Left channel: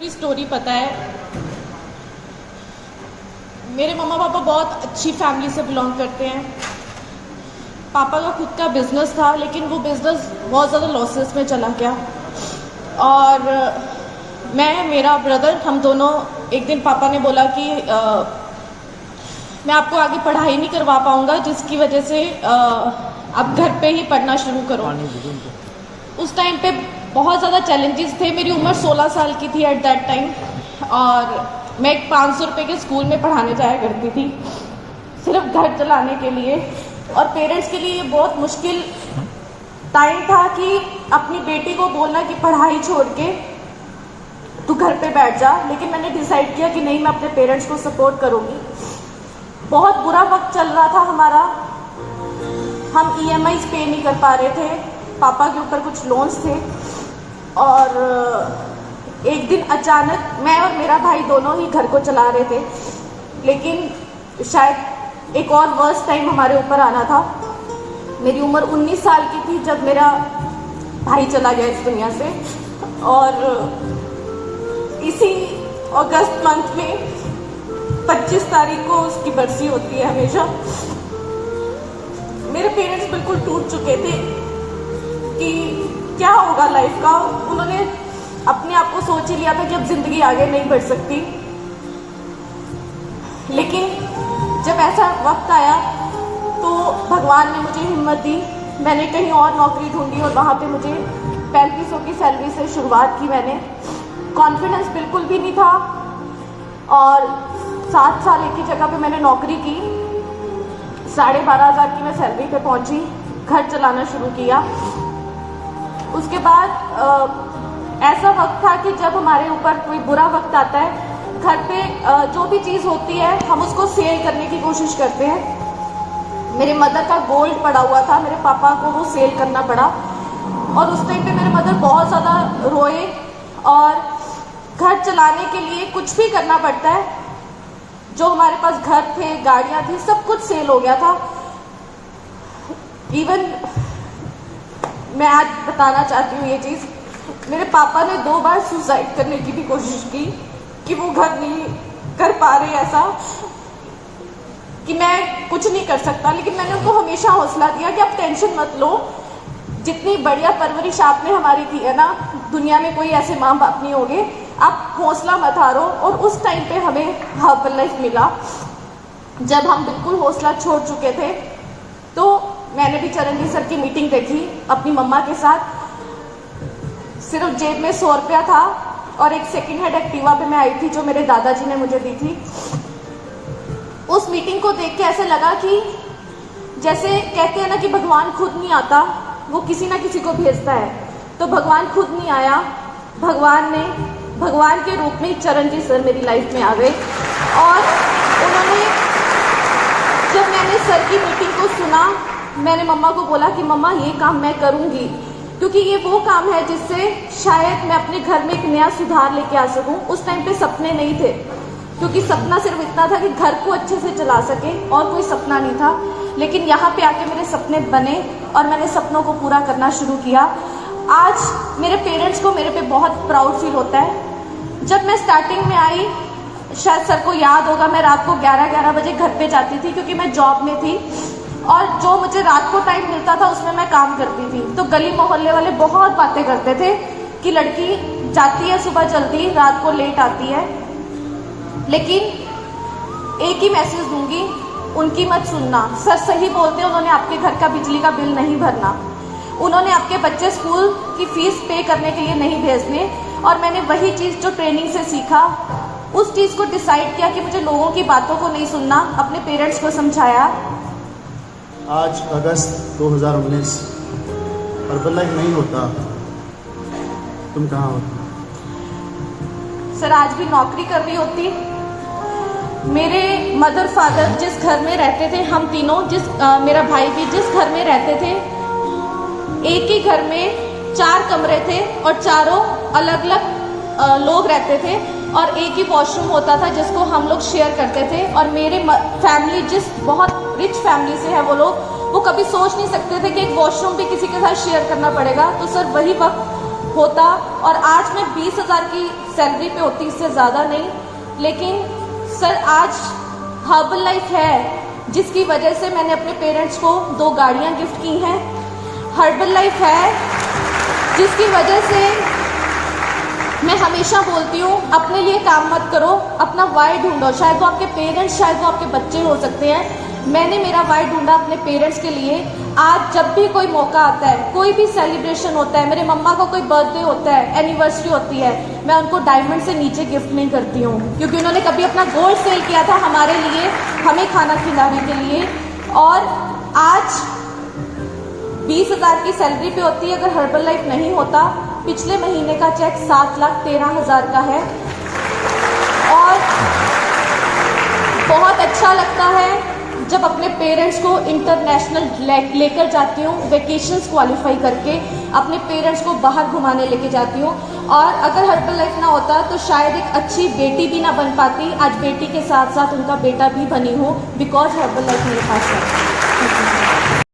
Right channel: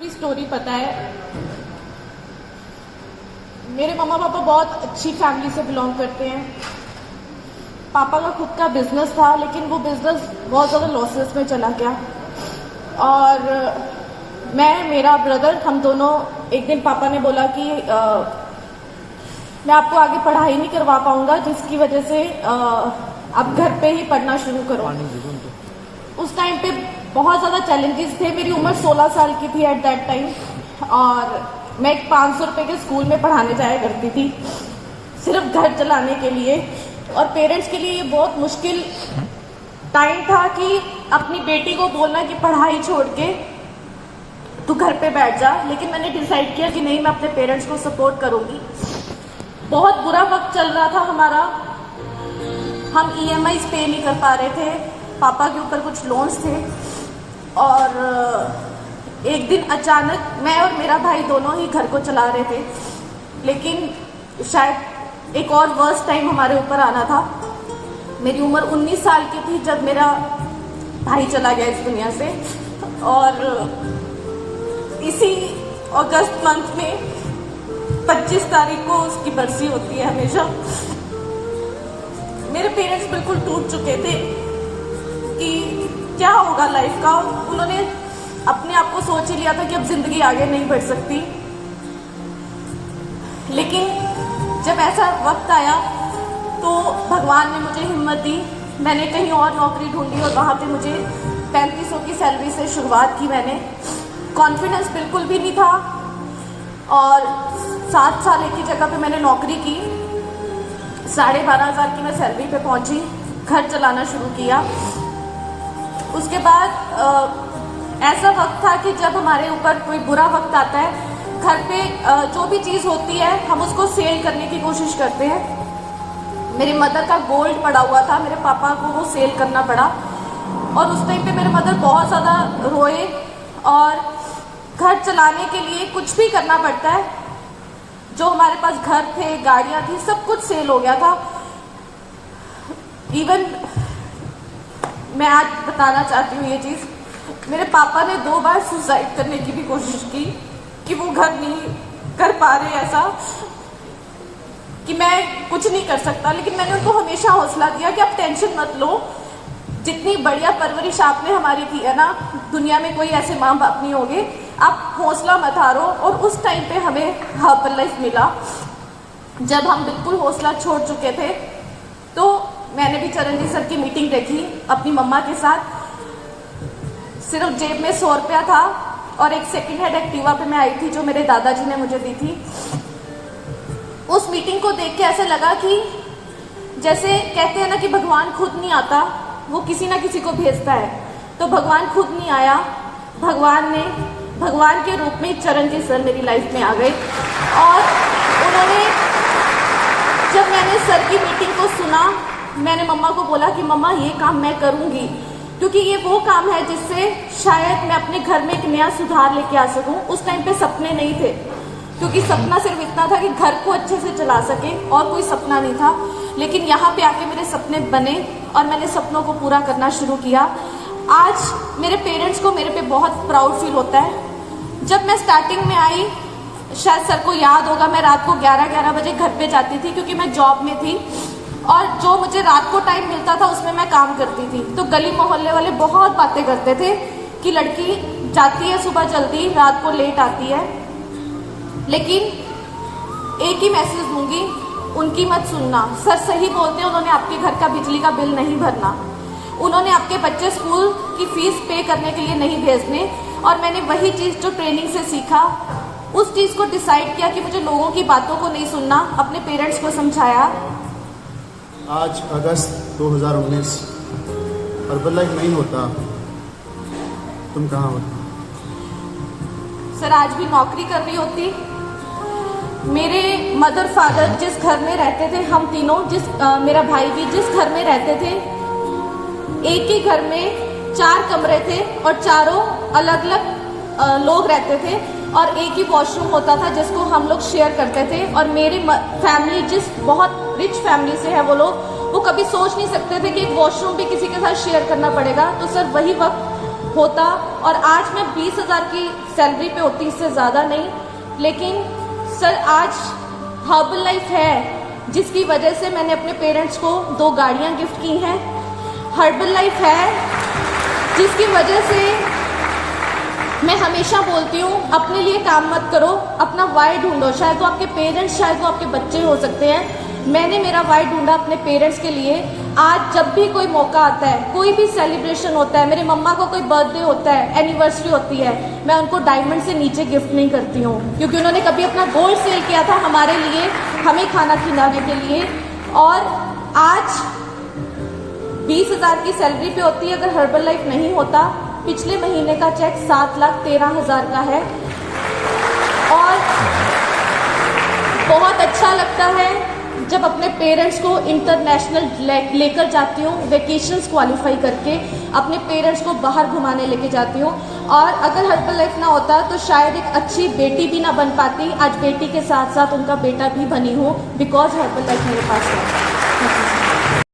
पूरी स्टोरी पता है। मेरे मम्मा पापा बहुत अच्छी फैमिली से बिलोंग करते हैं। पापा का खुद का बिजनेस था, लेकिन वो बिजनेस बहुत ज़्यादा लॉसेस में चला गया। और मेरा ब्रदर, हम दोनों, एक दिन पापा ने बोला कि मैं आपको आगे पढ़ाई नहीं करवा पाऊंगा, जिसकी वजह से आप घर पे ही पढ़ना शुरू करो। उस टाइम पे बहुत ज़्यादा चैलेंजेस थे। मेरी उम्र 16 साल की थी एट दैट टाइम, और मैं एक 500 रुपये के स्कूल में पढ़ाने जाया करती थी, सिर्फ घर चलाने के लिए। और पेरेंट्स के लिए ये बहुत मुश्किल टाइम था कि अपनी बेटी को बोलना कि पढ़ाई छोड़ के तू घर पे बैठ जा। लेकिन मैंने डिसाइड किया कि नहीं, मैं अपने पेरेंट्स को सपोर्ट करूंगी। बहुत बुरा वक्त चल रहा था हमारा। हम EMIs पे नहीं कर पा रहे थे, पापा के ऊपर कुछ लोन्स थे। और एक दिन अचानक मैं और मेरा भाई दोनों ही घर को चला रहे थे, लेकिन शायद एक और वर्स्ट टाइम हमारे ऊपर आना था। मेरी उम्र 19 साल की थी जब मेरा भाई चला गया इस दुनिया से। और इसी अगस्त मंथ में 25 तारीख को उसकी बरसी होती है हमेशा। मेरे पेरेंट्स बिल्कुल टूट चुके थे कि क्या होगा लाइफ का। उन्होंने अपने आप को सोच ही लिया था कि अब जिंदगी आगे नहीं बढ़ सकती। लेकिन जब ऐसा वक्त आया तो भगवान ने मुझे हिम्मत दी। मैंने कहीं और नौकरी ढूंढी और वहां पे मुझे 3500 की सैलरी से शुरुआत की। मैंने कॉन्फिडेंस बिल्कुल भी नहीं था, और 7 साल एक ही जगह पे मैंने नौकरी की। 12,500 की मैं सैलरी पे पहुंची, घर चलाना शुरू किया। उसके बाद ऐसा वक्त था कि जब हमारे ऊपर कोई बुरा वक्त आता है, घर पे जो भी चीज होती है हम उसको सेल करने की कोशिश करते हैं। मेरे मदर का गोल्ड पड़ा हुआ था, मेरे पापा को वो सेल करना पड़ा। और उस टाइम पे मेरे मदर बहुत ज्यादा रोए, और घर चलाने के लिए कुछ भी करना पड़ता है। जो हमारे पास घर थे, गाड़ियां थी, सब कुछ सेल हो गया था। इवन मैं आज बताना चाहती हूँ ये चीज, मेरे पापा ने 2 बार सुसाइड करने की भी कोशिश की कि वो घर नहीं कर पा रहे, ऐसा कि मैं कुछ नहीं कर सकता। लेकिन मैंने उनको हमेशा हौसला दिया कि आप टेंशन मत लो, जितनी बढ़िया परवरिश आपने हमारी की है ना, दुनिया में कोई ऐसे माँ बाप नहीं होंगे, आप हौसला मत हारो। और उस टाइम पे हमें हर्बल लाइफ मिला। जब हम बिल्कुल हौसला छोड़ चुके थे, तो मैंने भी चरणजीत सर की मीटिंग देखी अपनी मम्मा के साथ। सिर्फ जेब में 100 रुपया था, और एक सेकंड हैंड एक्टिवा पे मैं आई थी जो मेरे दादाजी ने मुझे दी थी। उस मीटिंग को देख के ऐसे लगा कि जैसे कहते हैं ना कि भगवान खुद नहीं आता, वो किसी ना किसी को भेजता है। तो भगवान खुद नहीं आया, भगवान के रूप में चरणजीत सर मेरी लाइफ में आ गए। और उन्होंने, जब मैंने सर की मीटिंग को सुना, मैंने मम्मा को बोला कि मम्मा ये काम मैं करूंगी, क्योंकि ये वो काम है जिससे शायद मैं अपने घर में एक नया सुधार लेके आ सकूं। उस टाइम पे सपने नहीं थे, क्योंकि सपना सिर्फ इतना था कि घर को अच्छे से चला सके, और कोई सपना नहीं था। लेकिन यहाँ पे आके मेरे सपने बने, और मैंने सपनों को पूरा करना शुरू किया। आज मेरे पेरेंट्स को मेरे पे बहुत प्राउड फील होता है। जब मैं स्टार्टिंग में आई, शायद सर को याद होगा, मैं रात को 11-11 बजे घर पे जाती थी, क्योंकि मैं जॉब में थी, और जो मुझे रात को टाइम मिलता था उसमें मैं काम करती थी। तो गली मोहल्ले वाले बहुत बातें करते थे कि लड़की जाती है सुबह जल्दी, रात को लेट आती है। लेकिन एक ही मैसेज दूंगी, उनकी मत सुनना। सर सही बोलते हैं, उन्होंने आपके घर का बिजली का बिल नहीं भरना, उन्होंने आपके बच्चे स्कूल की फीस पे करने के लिए नहीं भेजने। और मैंने वही चीज जो ट्रेनिंग से सीखा, उस चीज को डिसाइड किया कि मुझे लोगों की बातों को नहीं सुनना, अपने पेरेंट्स को समझाया। आज अगस्त 2019, हर्बल लाइफ नहीं होता, तुम कहाँ होती? सर आज भी नौकरी कर रही होती। मेरे मदर फादर जिस घर में रहते थे, हम तीनों, मेरा भाई भी जिस घर में रहते थे, एक ही घर में 4 कमरे थे, और चारों अलग अलग लोग रहते थे, और एक ही वॉशरूम होता था जिसको हम लोग शेयर करते थे। और मेरे फैमिली जिस बहुत रिच फैमिली से है, वो लोग, वो कभी सोच नहीं सकते थे कि एक वॉशरूम भी किसी के साथ शेयर करना पड़ेगा। तो सर वही वक्त होता और आज मैं 20,000 की सैलरी पे होती, इससे ज़्यादा नहीं। लेकिन सर आज हर्बल लाइफ है जिसकी वजह से मैंने अपने पेरेंट्स को 2 गाड़ियां गिफ्ट की हैं। हर्बल लाइफ है जिसकी वजह से मैं हमेशा बोलती हूँ अपने लिए काम मत करो, अपना वाई ढूंढो। शायद वो आपके पेरेंट्स, शायद वो आपके बच्चे हो सकते हैं। मैंने मेरा वाई ढूंढा अपने पेरेंट्स के लिए। आज जब भी कोई मौका आता है, कोई भी सेलिब्रेशन होता है, मेरे मम्मा को कोई बर्थडे होता है, एनिवर्सरी होती है, मैं उनको डायमंड से नीचे गिफ्ट नहीं करती हूँ, क्योंकि उन्होंने कभी अपना गोल्ड सेल किया था हमारे लिए, हमें खाना खिलाने के लिए। और आज 20,000 की सैलरी पे होती है। अगर हर्बल लाइफ नहीं होता, पिछले महीने का चेक 7,13,000 का है। और बहुत अच्छा लगता है जब अपने पेरेंट्स को इंटरनेशनल लेकर जाती हूँ, वेकेशंस क्वालिफाई करके अपने पेरेंट्स को बाहर घुमाने लेके जाती हूँ। और अगर हर्बल लाइफ ना होता तो शायद एक अच्छी बेटी भी ना बन पाती। आज बेटी के साथ साथ उनका बेटा भी बनी हूँ, बिकॉज हर्बल लाइफ मेरे पास है।